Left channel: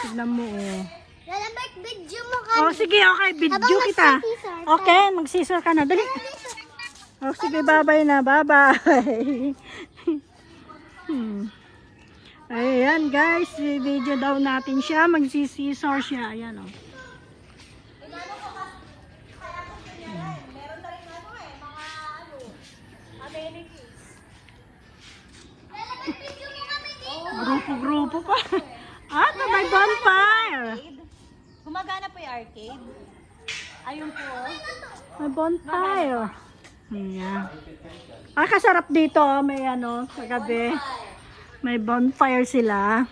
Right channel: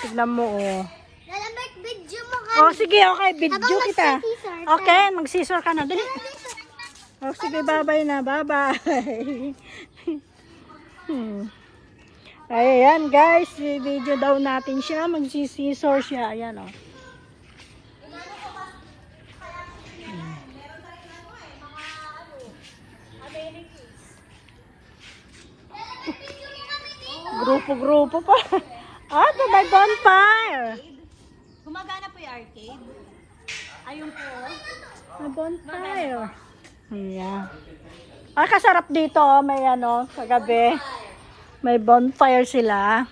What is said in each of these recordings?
tignan mo, oh. Lalabot video mo ka. Oh, sige, okay, video Habang kita. nagsisisor ka. Okay, mag-scissor ka na. Dali. Oh, sige, bye-bye na. Bye-bye. Ayan, guys. Video daw natin siya. Mag-scissor siya. Ayan, oh. Grupo-grupo pa. Ah, ito may bonfire. Gumagana po yung arcade. Ayun po. May bonfire. Ayan. Ay, kasarap dito. Oh. May ano, sa gabi. May bonfire sila.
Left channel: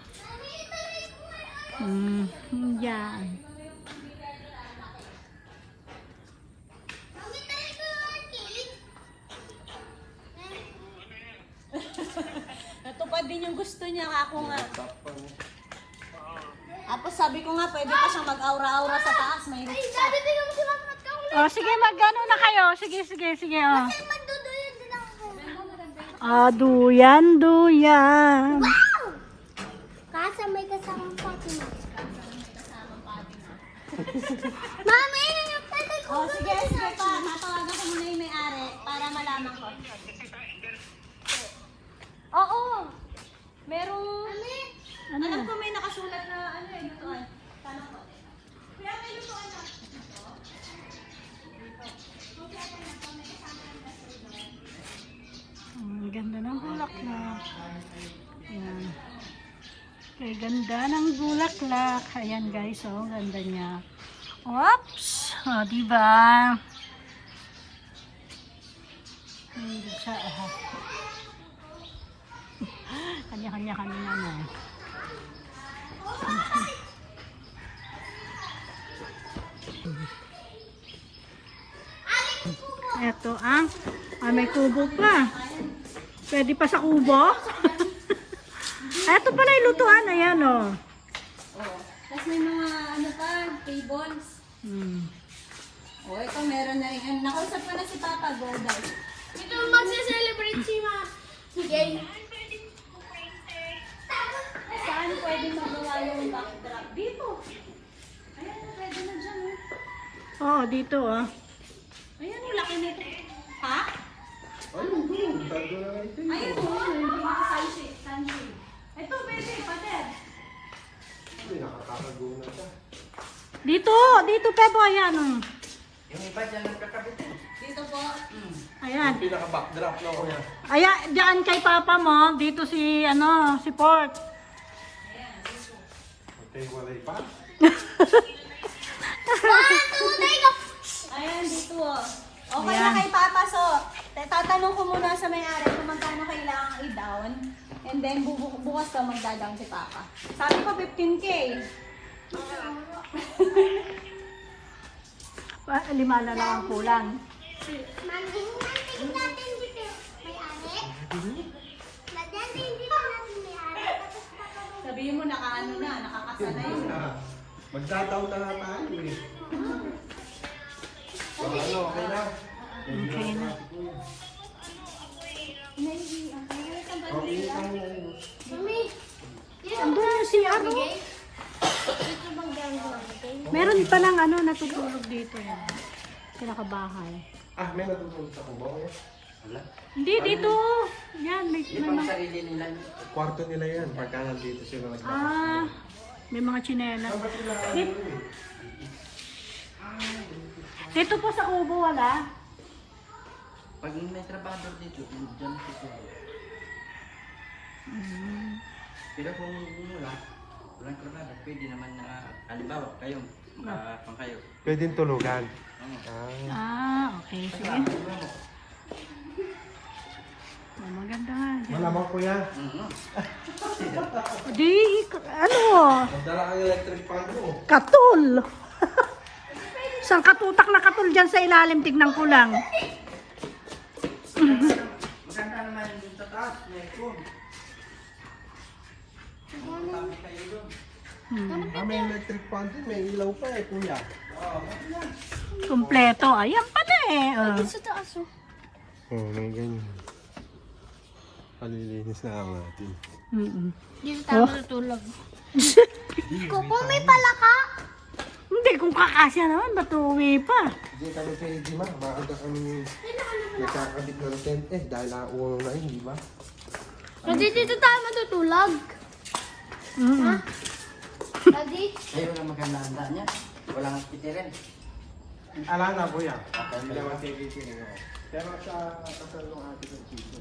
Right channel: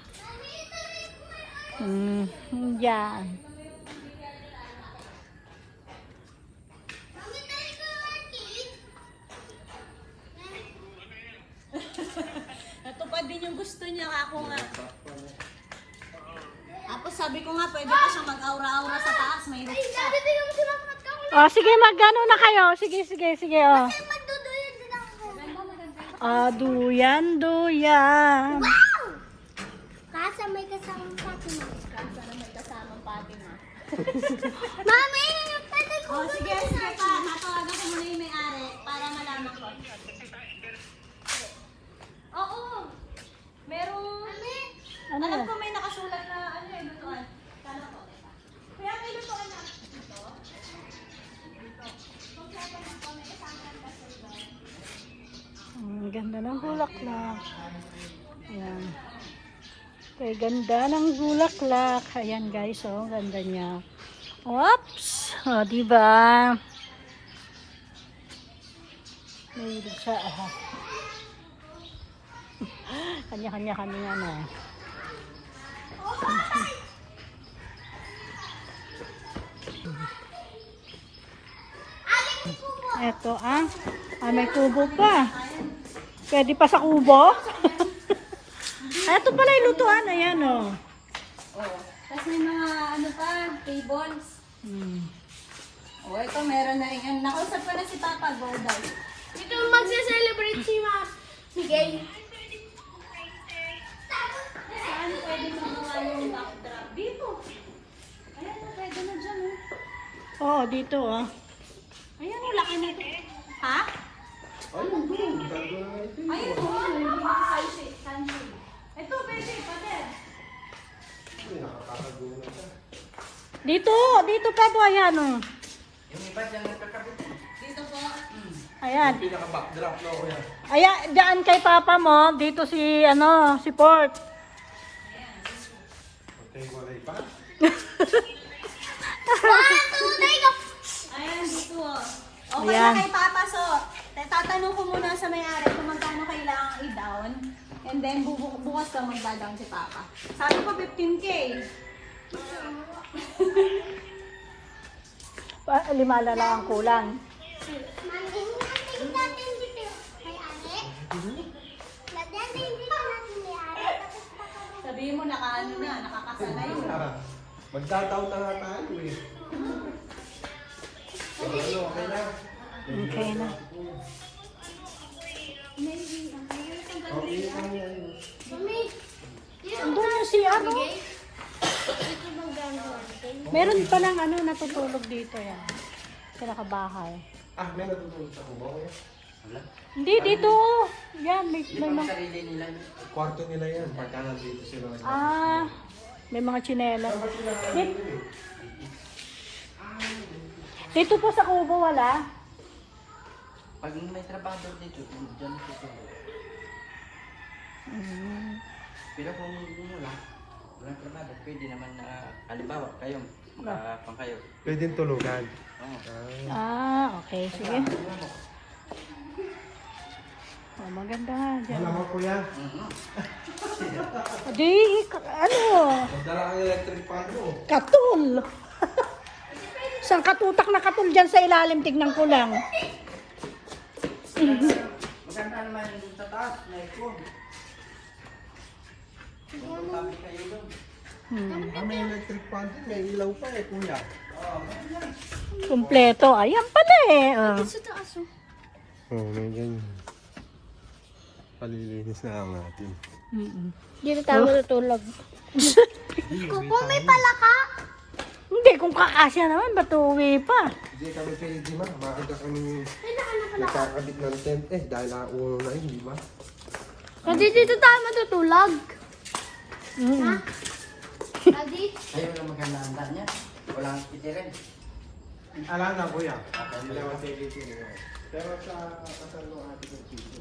Yan. Natupad din yung gusto niya. Ako nga. Tapos sabi ko nga, pwede pa siyang mag-aura-aura sa taas. May rooftop. Oh, sige, magano na kayo. Sige, oh. Magduduyan din ako. Ah, duyan. Wow! Kasa may kasamang pati na. Mami, pwede ko. Oh, sige pa. Matawagan ko muna yung may-ari para malaman ko. Oo. Merong... Ano Alam yan? ko may nakasulat na ano eh, lutuan. Tanong ko. Kaya may lutuan na. Ang ganda ng bulaklak. Ayan. Okay, ganda ng bulaklak. Ayan guys, oh, ganda niya. Oops! Oh, diba? Mahilig siya. Kanya-kanya kami ano. Eto may kubo pa. Pwede pa sa kubo? Eto pala yung lutuan. Ayan, oh. Tapos may mga ano pa, tables. Oh, ito meron na yung... Nakausap ko na si Papa Goday. Dito magse-celebrate si Ma. Sige. Saan pwede magawa yung backdrop? Dito. Ayan, pwede na dyan. Oh, dito, oh. Ayan, laki na ito. Ha? Ayun, doon. Gagawin na natin. Ayun, hindi ka sunshade. Ito, baby, pater. Ay, nakakakagulo na ito. Dito pa po, ayan, oh. Yung iba dyan nagkakabit. Dito po. Ayan. Yung pinaka-backdrop na ako yan. Ayan, dyan kay Papa mo. Dito si, si Port. Okay, wala pa. Ayan, dito. Okay Ayan. na kay Papa. So, tatanong ko muna sa may-ari kung magkano kailangan i-down. And then, bukas ka magda-down si Papa. Sabi ko 15K. Limala lang ang kulang. Mami, natin natin dito. May ari? Natin dito natin may ari. Sabihin mo nakaano na, nakakasanay. Magtataon na nga tayo eh. Ano, okay na? Okay na. Okay na yan. Mami, Andun yung si Meron palang natutulog dito yan. Kinakabahay. Ah, may natutulog sa kubaw eh. Wala. Hindi, dito. Yan, may mga... Kwarto nila yan. Pagka nandito sila. May mga tsinelas. Dito po sa kubo wala. Pag may trabaho dito, dyan po. Pero kung walang trabaho, pwede naman na, halimbawa, kayo, pang kayo. Pwede tulugan. Okay. Sige. Oh, maganda nga dyan. Malaman ko yan. Di, Magdala kang electric fan mo. katul. Isang katutak na katul dyan sa ilalim, tignan ko lang. Maganda naman yung sa taas, na ikon. May electric fan din. May ilaw pa eh, kuya. Kumpleto. Ayan pala eh. sa taas oh. Oh, may ganyan. Palilinis na ang natin. Dito tayo matutulog. Kuko, may palaka. Hindi, kung kakasya naman, ba't uwi pa? Hindi kami pwede, ma. Maaga kami nagkakabit ng tent eh. Dahil uno na yun, di ba? Kasi dito tayo matutulog. Mm. Daddy? Ayun ang maganda handa niya. Walang pitirin. Ala na, kuya. Hindi naman pwede sila. Pero sa kasal ng ate ng Chico,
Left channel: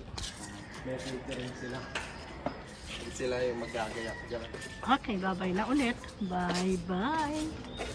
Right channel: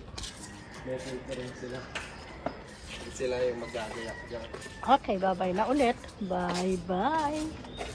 may rin sila. Sila yung magagayak dyan. Okay, bye-bye na ulit. Bye-bye.